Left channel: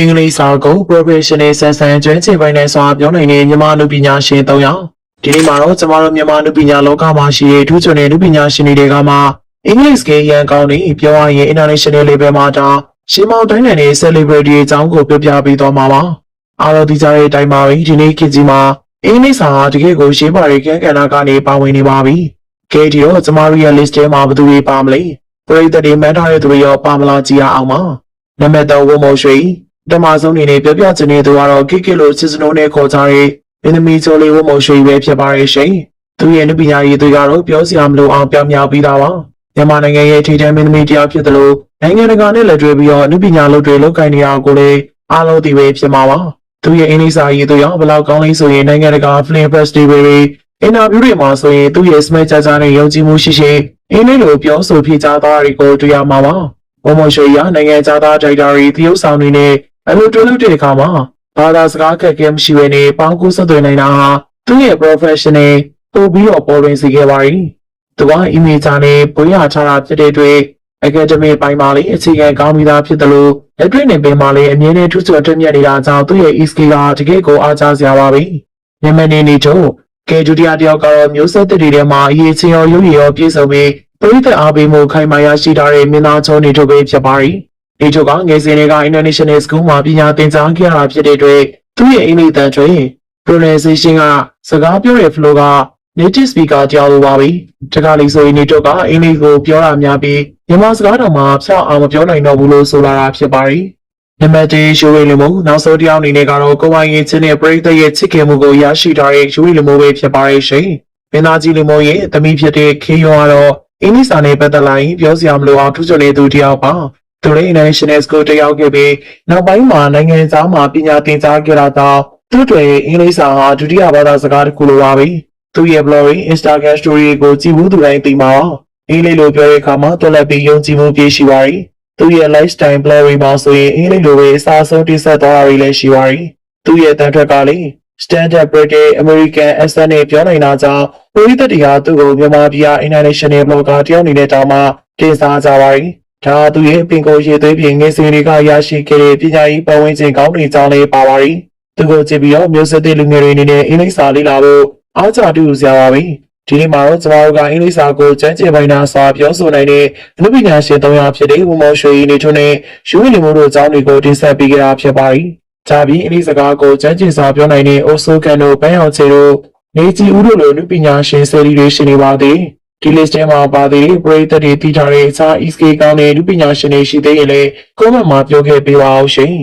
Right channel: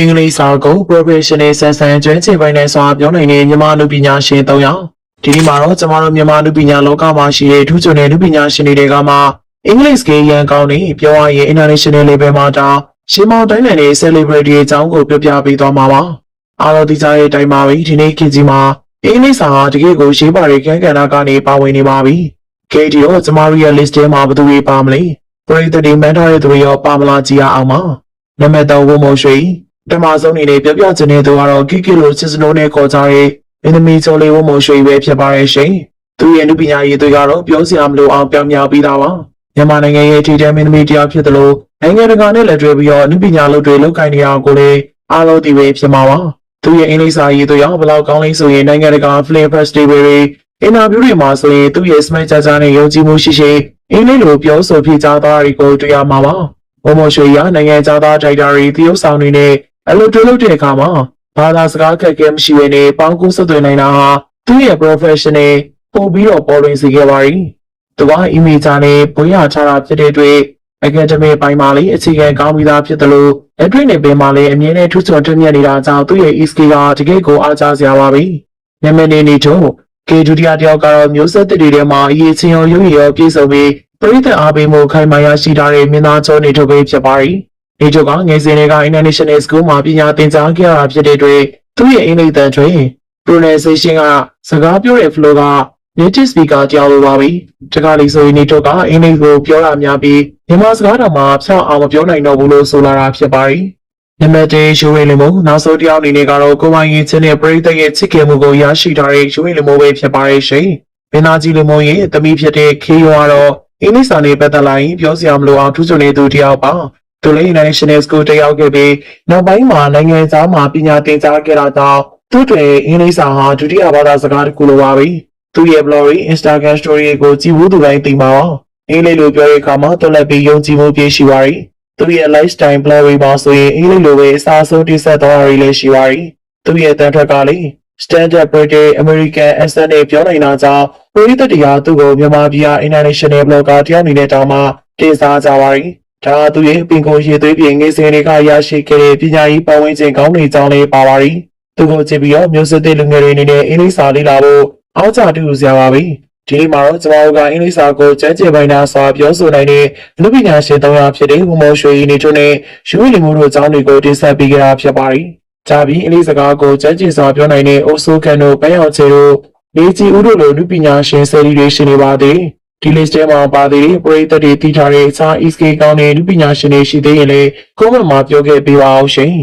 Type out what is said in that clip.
အင်္ဂလိပ်စာကို professional ဆန်ဆန်ကျွမ်းကျင်ပိုင်းနဲ့စွာပြောနိုင်တဲ့မြန်မာလူပညာရှင်၃ယောက်ဒီနေ့မှာတော့ကျမတို့မြန်မာလူပညာလောကမှာရှိတဲ့ထူးချွန်တဲ့လူပညာရှင်တွေကမှအင်္ဂလိပ်စကားရန်ကောင်းနေပြောရရင် international level မှာတောင်ရှင်းမောင်းတိုင်းနိုင်ငံ celebrity အကြောင်းကိုပြောပြပေးသွားမှာပါအားလုံးဒီကြားရဲ့အတိုင်းပါပဲဒီနေ့ခေတ်ကြီးမှာအင်္ဂလိပ်စာကတကယ်ကိုရေးပါတဲ့ခန်းကဏ္ဍကနေပါဝင်နေပါပြီကဲဒီတော့ကျမတို့ရဲ့ list ထဲမှာဘယ်သူတွေပါမလဲပရိသတ်တွေမှတ်ထားတဲ့သူတွေရောပါမလားကြည့်ရအောင်ပါနံပါတ်3ဝမော်ရွှေတမဆုံးအနေနဲ့ပြောပြချင်တဲ့သူကတော့ကိကိလိုစစ်စနိုးနဲ့ခေါ်ကြတဲ့မင်းသမီးချုံလေးဝမော်ရွှေပဲဖြစ်ပါရဲ့ရှင်သူရဲ့နုပညာရေးတွေကတော့ပြောစရာမလိုအောင်ပြောင်းမြောက်ပြီးသားပါမြန်မာနိုင်ငံရဲ့ထိပ်တန်းမင်းသမီးတရားဖြစ်တယ်လို့နိုင်ငံတကာနဲ့လက်တွဲပြီးတော့နုပညာလုပ်တွေလုပ်ကိုင်နေအောင်ကိုလည်းအားလုံးသိပဲဖြစ်မှာပါသူရဲ့အင်္ဂလိပ်စာရေးတွေရောဘလောက်ကောင်းလဲဆိုရင်နိုင်ငံတကာ film festival တွေအင်တာဗျူးတွေမှာဆိုရင်သူရဲ့ smart ကြကြနဲ့ယုံကြည်မှုရှိရှိအင်္ဂလိပ်လိုပြောဆိုပြကြသွားတာကိုတွေ့ရမှာပါဝမော်ရွှေရနိုင်ငံသားဒါရိုက်တာတွေတရုတ်ဆောင်တွေနဲ့အလုပ်တွေလုပ်တဲ့အခါမှာဘာသာစကားခက်ခဲမရှိဘဲနဲ့ပေါင်းကူးဆက်သွယ်နိုင်တာဟာသူ့ရဲ့ professional ပို့ပြီးတော့ပေါ်လွင်စေခဲ့ပါရီသူက email ချနဲ့ဘွေးရချတာဖြစ်တဲ့အတွက် academic ပိုင်းမှာလည်းအခြေခံကောင်းပြီးသားဖြစ်တယ်လို့လက်တွေ့နဲ့ပင်မှာလည်းအမြဲတမ်းထူးချွန်ထက်မြက်နေတာကြောင့်သူ့ရဲ့ e-skill ကတကယ့်ကိုအားကျစရာပါပဲမြန်မာနေတို့ကေဒူတီယာတယောက်ကတော့မျိုးဆက်တွေထဲမှာအရေးချင်းရောရုပ်ရည်ရောပြည့်စုံပြီးပြည်သက်အားပေးမှုခိုင်မာရရှိထားတဲ့မင်းသားချုံနေတို့ပဲဖြစ်ပါရီဒီတို့ကငယ်စဉ်တွေက International School မှာပညာသင်ကြားခဲ့ရတာဖြစ်တဲ့အတွက်သူ့ရဲ့အင်္ဂလိပ်တန်ထွင် pronunciation ကစကားပြောတဲ့ flow က native speaker ကြောင်းလိုပါပြီ။တခါလေဆိုရင်ဒီတို့ကအင်္ဂလိပ်ကိုပြောတာများပြီးမြန်မာစကားတော်မှာဖြောင့်အောင်မပြောနိုင်တော့ဘူးလို့ဆိုလာတာဖြစ်ပါရီ။နံပါတ်1ယူဝေလီမိုနောက်ဆုံးတစ်ယောက်အနေနဲ့ကတော့ကိုပိုင်ရင်ချင်းနဲ့ပရိသတ်ရဲ့ချစ်ခင်မှုကိုရရှိထားတဲ့ယူဝေလီမိုပဲဖြစ်ပါရဲ့ရှင်။မင်းသားကြီးလီမိုရဲ့သမီးဖြစ်တဲ့ခေယောကတော့အင်္ဂလိပ်စာနဲ့ပတ်သက်လာရင်ပြောစရာမလိုအောင်ထူးချွန်နေသူတစ်ယောက်ပါ။သူလည်း International School တက်ရောက်ခဲ့ပြီးနောက်ပိုင်းမှာနိုင်ငံခြားမှာပညာသင်ကြားခဲ့တာကြောင့်သူ့တွေအင်္ဂလိပ်စာဟာဒုတိယဘာသာစကားတစ်ခုလိုပါပဲ။သူရဲ့ blog, Instagram story ကိုကြည့်ဖို့သူတိုင်းသိပါအောင်။အင်္ဂလိပ်လိုပြောတဲ့အခါမှာတော်လည်းပြီးယုံကြည်မှုပြည့်ရှိပါရီ။သူရဲ့ lifestyle blog မှာဆိုရင်အင်္ဂလိပ်လိုပဲအစားဆုံးတိဆက်သွားတာတွေလည်းရှိပါရီ။သူရဲ့တန်ထွက်ကလည်း standard British American accent နဲ့ပြောနေတာကြောင့်ပရိသတ်တရားသူ့ကိုမြန်မာပြည် international blogger တယောက်အနေနဲ့တောင်းမှတင်စားကြပါရီ။ဒါသူရဲ့ပင်ကိုရေသွေးပြင်ငယ်စဉ်တွေကရရှိခဲ့တဲ့ပညာရေးပတ်ဝန်းကျင်ကောင်းတွေကြောင့်လည်းပါပါရီသူကိုကြည့်ပြီးတော့မျိုးဆက်တဲ့လူငယ်တွေအနေနဲ့အင်္ဂလိပ်စာလေ့လာဖို့အားကျတူစရာပါပဲဒီနေ့မှာတော့ကျွန်တော်တို့ကအင်္ဂလိပ်စာကိုကျမ်းကျင်ပိုင်းသားစွာပြောဆိုနိုင်တဲ့လူပညာရှင်၃ယောက်ဖြစ်တဲ့ဝမော်ရွှေနေထွန်းနဲ့ယူဝီလီမိုတို့အကြောင်းတွေကိုတင်ဆက်ပေးခဲ့တာဖြစ်ပါရီကြာပြီးအင်္ဂလိပ်စကားကိုကျမ်းကျင်စွာပြောနိုင်တဲ့အိုဆိုကန်တို့ဘဲအောင်ချေတို့နေကြီးဦးတို့လိုလူပညာရှင်ဆယ်လီတွေရှင်နေပါသည်ဒီ list ထဲမှာပါသေးတဲ့ပရိသတ်တွေသိထားတဲ့အခြား e-skill ကောင်းတဲ့လူပညာရှင်တွေရှိသေးရင်လည်း comment မှာပြောခဲ့ပေးပါအောင်ရှင်